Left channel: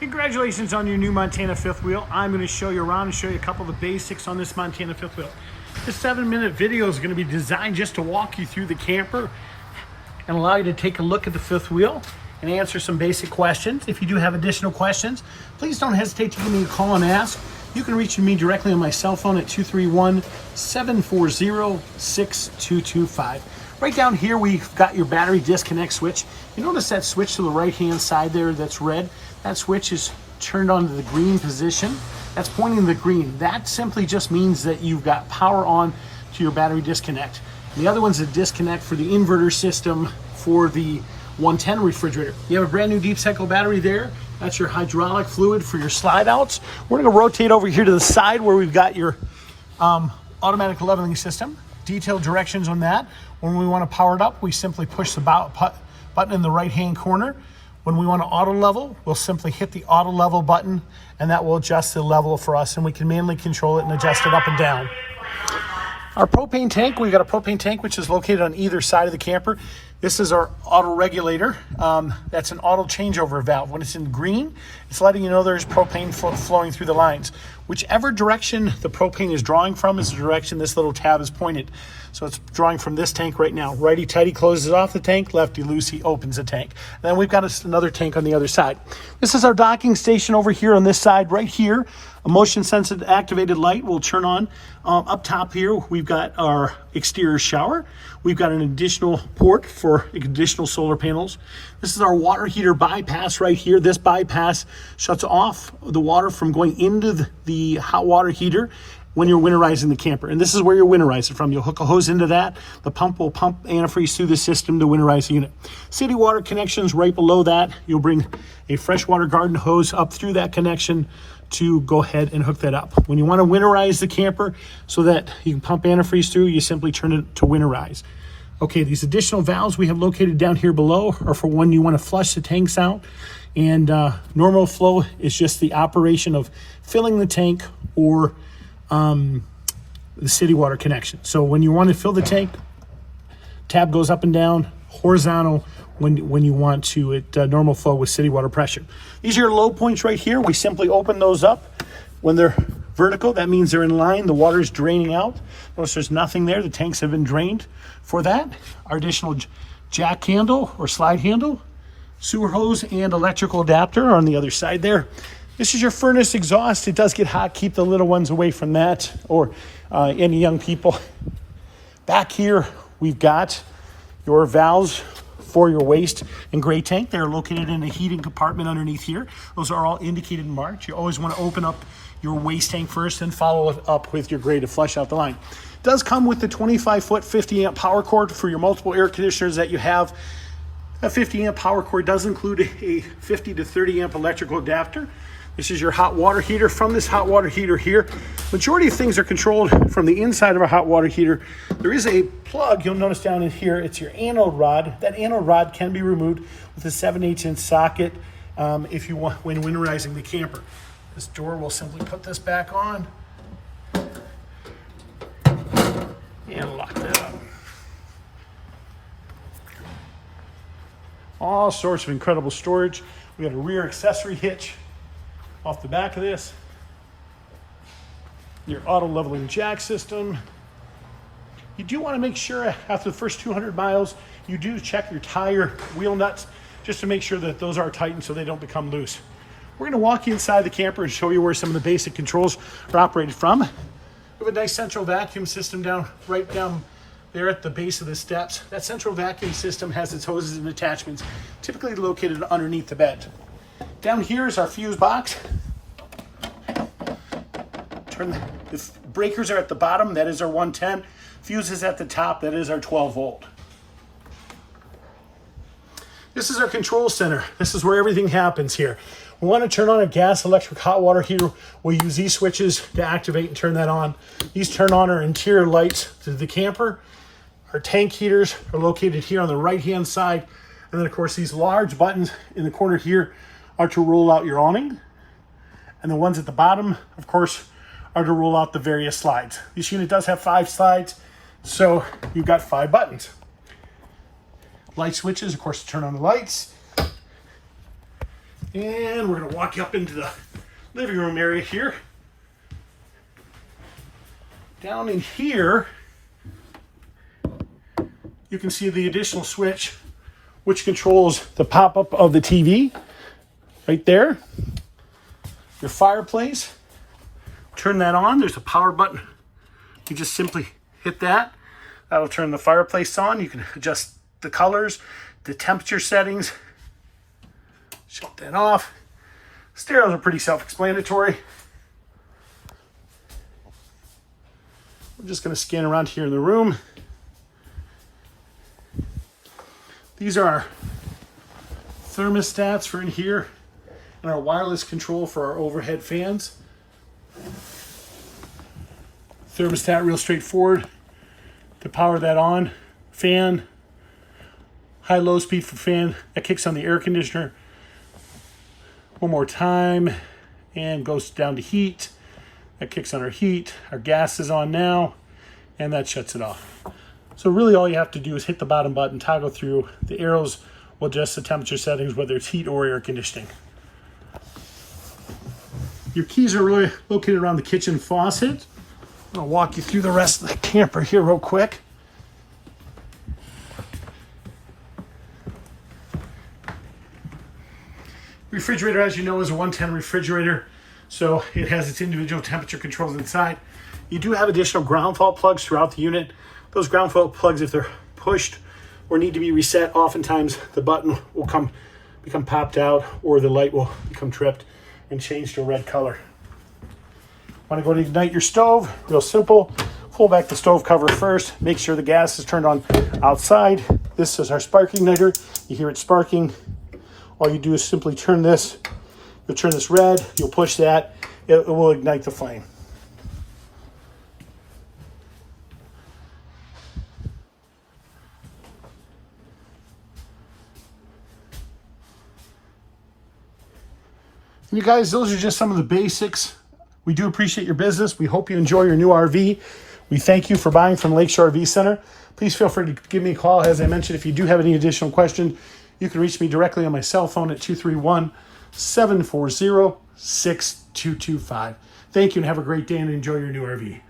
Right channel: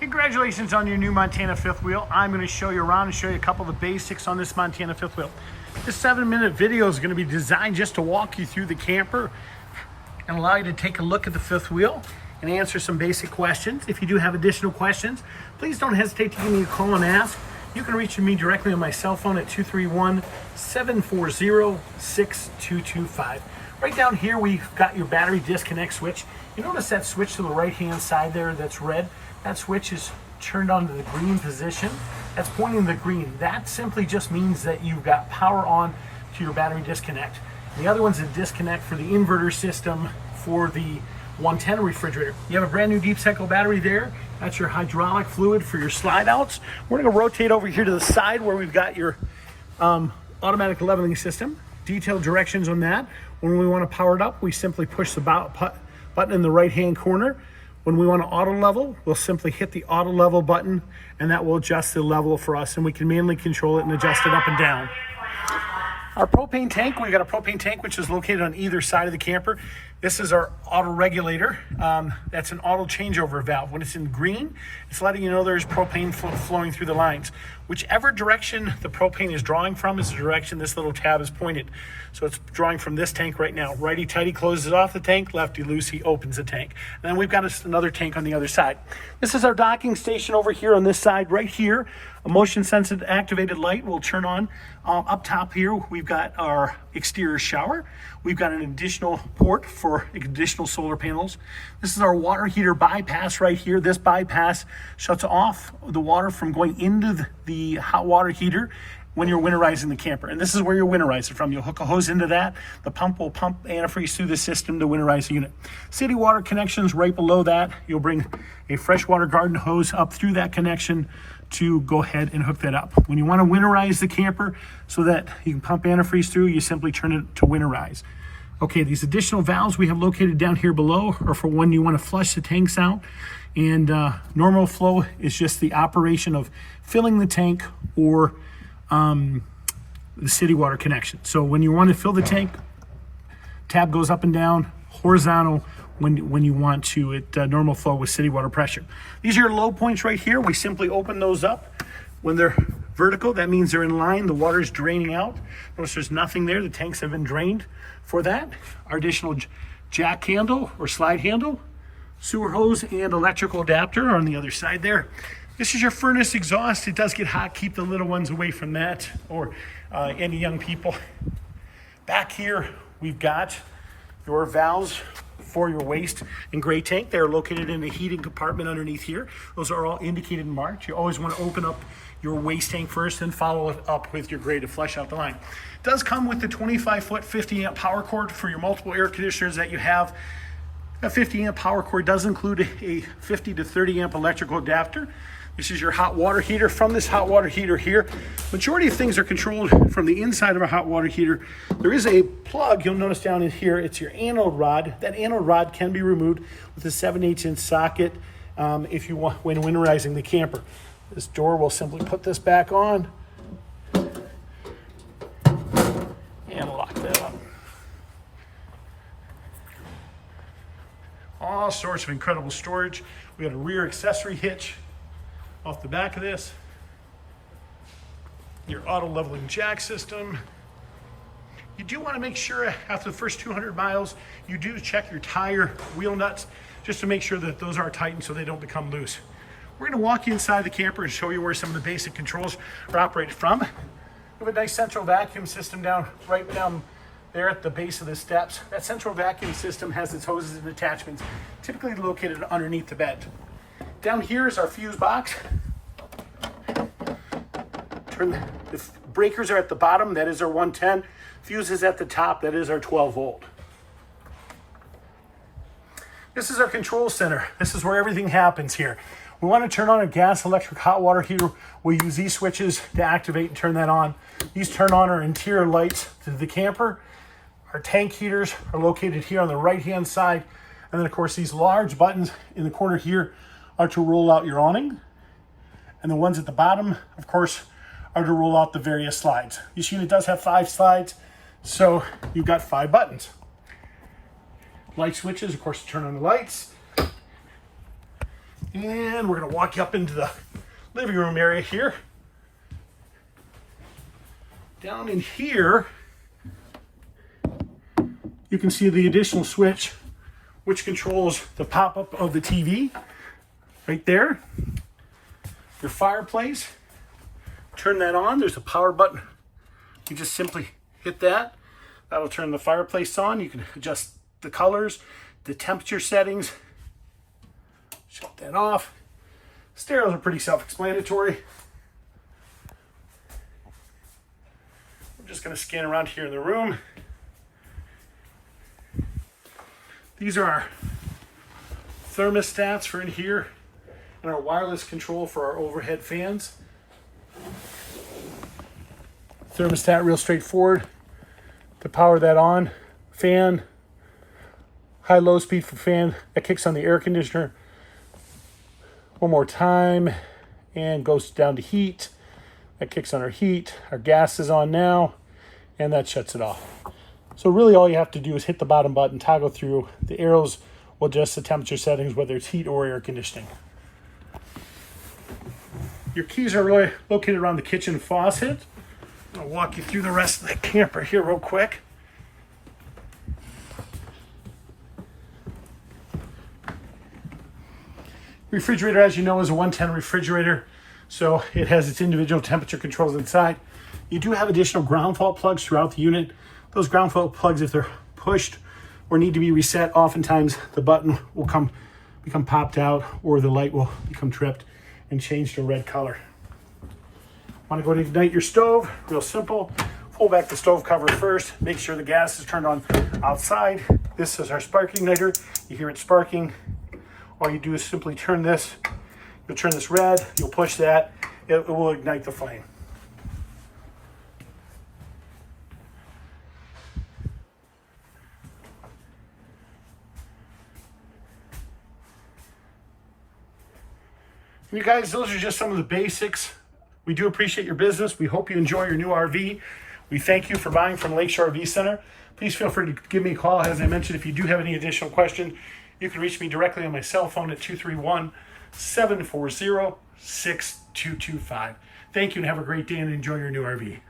Congratulations on your new Montana fifth wheel. I'm going to show you around and show you a couple of the basics on this Montana fifth wheel. This 7-minute video is going to be designed just to walk you through the camper and allow you to take a look at the fifth wheel and answer some basic questions. If you do have additional questions, please don't hesitate to give me a call and ask. You can reach me directly on my cell phone at 231-740-6225. Right down here, we've got your battery disconnect switch. You notice that switch to the right-hand side there that's red? That switch is turned on to the green position. That's pointing to the green. That simply just means that you've got power on to your battery disconnect. And the other one's a disconnect for the inverter system for the 110 refrigerator. You have a brand new deep cycle battery there. That's your hydraulic fluid for your slide outs. We're gonna rotate over here to the side where we've got your automatic leveling system. Detailed directions on that. When we want to power it up, we simply push the button in the right-hand corner. When we want to auto level, we'll simply hit the auto level button and that will adjust the level for us, and we can manually control it and adjust it up and down. Our propane tank, we've got a propane tank which is located on either side of the camper. This is our auto regulator. That's an auto changeover valve. When it's in green, it's letting you know there's propane flowing through the lines. Whichever direction the propane is drawing from is the direction this little tab is pointed. So it's drawing from this tank right now. Righty-tighty closes off the tank, lefty-loosey opens the tank. And then we've got another tank on the other side. This is our docking station over here on this side right here. A motion-sensitive activated light will turn on. Up top here, we've got our exterior shower. We've got an additional port for additional solar panels. This is our water heater bypass right here. This bypass shuts off the water from going into the hot water heater when you're winterizing the camper. And this is where you're winterizing from. You'll hook a hose into that. The pump will pump antifreeze through the system to winterize the unit. City water connections right below that. You'll bring a freshwater garden hose up through that connection to go ahead and hook that up. When you want to winterize the camper so that you can pump antifreeze through, you simply turn it to winterize. Okay, these additional valves we have located down here below are for when you want to flush the tanks out. And normal flow is just the operation of filling the tank or the city water connection. So when you want to fill the tank, tab goes up and down, horizontal when you want to at normal flow with city water pressure. These are your low points right here. We simply open those up. When they're vertical, that means they're in line. The water is draining out. Notice there's nothing there. The tanks have been drained for that. Our additional jack handle or slide handle, sewer hose, and electrical adapter are on the other side there. This is your furnace exhaust. It does get hot. Keep the little ones away from that, or any young people. Back here, we've got your valves for your waste and gray tank. They're located in a heating compartment underneath here. Those are all indicated and marked. You always want to open up your waste tank first and follow it up with your gray to flush out the line. It does come with the 25-foot 50-amp power cord for your multiple air conditioners that you have. That 50-amp power cord does include a 50 to 30-amp electrical adapter. This is your hot water heater. From this hot water heater here, majority of things are controlled from the inside of a hot water heater. There is a plug, you'll notice down in here, it's your anode rod. That anode rod can be removed with a 7/8" socket if you want when winterizing the camper. This door will simply put this back on and lock that up. All sorts of incredible storage. We got a rear accessory hitch off the back of this. Your auto leveling jack system. You do want to make sure after the first 200 miles, you do check your tire wheel nuts just to make sure that those are tightened so they don't become loose. We're going to walk you inside the camper and show you where some of the basic controls are operated from. We have a nice central vacuum system right down there at the base of the steps. That central vacuum system has its hoses and attachments, typically located underneath the bed. Down here is our fuse box. The breakers are at the bottom, that is our 110. Fuse is at the top, that is our 12 volt. This is our control center. This is where everything happens here. We want to turn on a gas electric hot water heater. We use these switches to activate and turn that on. These turn on our interior lights to the camper. Our tank heaters are located here on the right-hand side. And then of course these large buttons in the corner here are to roll out your awning. And the ones at the bottom, of course, are to roll out the various slides. This unit does have 5 slides, so you've got 5 buttons. Light switches, of course, to turn on the lights. And we're gonna walk up into the living room area here. Down in here, you can see the additional switch, which controls the pop-up of the TV right there. Your fireplace, turn that on. There's a power button. You just simply hit that. That'll turn the fireplace on. You can adjust the colors, the temperature settings. Shut that off. Stereos are pretty self-explanatory. I'm just going to scan around here in the room. These are our thermostats for in here and our wireless control for our overhead fans. Thermostat, real straightforward. To power that on, fan, high-low speed for fan, that kicks on the air conditioner. One more time, and goes down to heat. That kicks on our heat. Our gas is on now, and that shuts it off. So really all you have to do is hit the bottom button, toggle through. The arrows will adjust the temperature settings, whether it's heat or air conditioning. Your keys are really located around the kitchen faucet. I'll walk you through the rest of the camper here real quick. Refrigerator, as you know, is a 110 refrigerator, so it has its individual temperature controls inside. You do have additional ground fault plugs throughout the unit. Those ground fault plugs, if they're pushed or need to be reset, oftentimes the button will become popped out, or the light will become tripped and change to a red color. Want to go to ignite your stove? Real simple. Pull back the stove cover first. Make sure the gas is turned on outside. This is our spark igniter. You hear it sparking. All you do is simply turn this. You'll turn this red. You'll push that. It will ignite the flame. You guys, those are just some of the basics. We do appreciate your business. We hope you enjoy your new RV. We thank you for buying from Lakeshore RV Center. Please feel free to give me a call. As I mentioned, if you do have any additional questions, you can reach me directly on my cell phone at 231-740-6225. Thank you and have a great day and enjoy your new RV.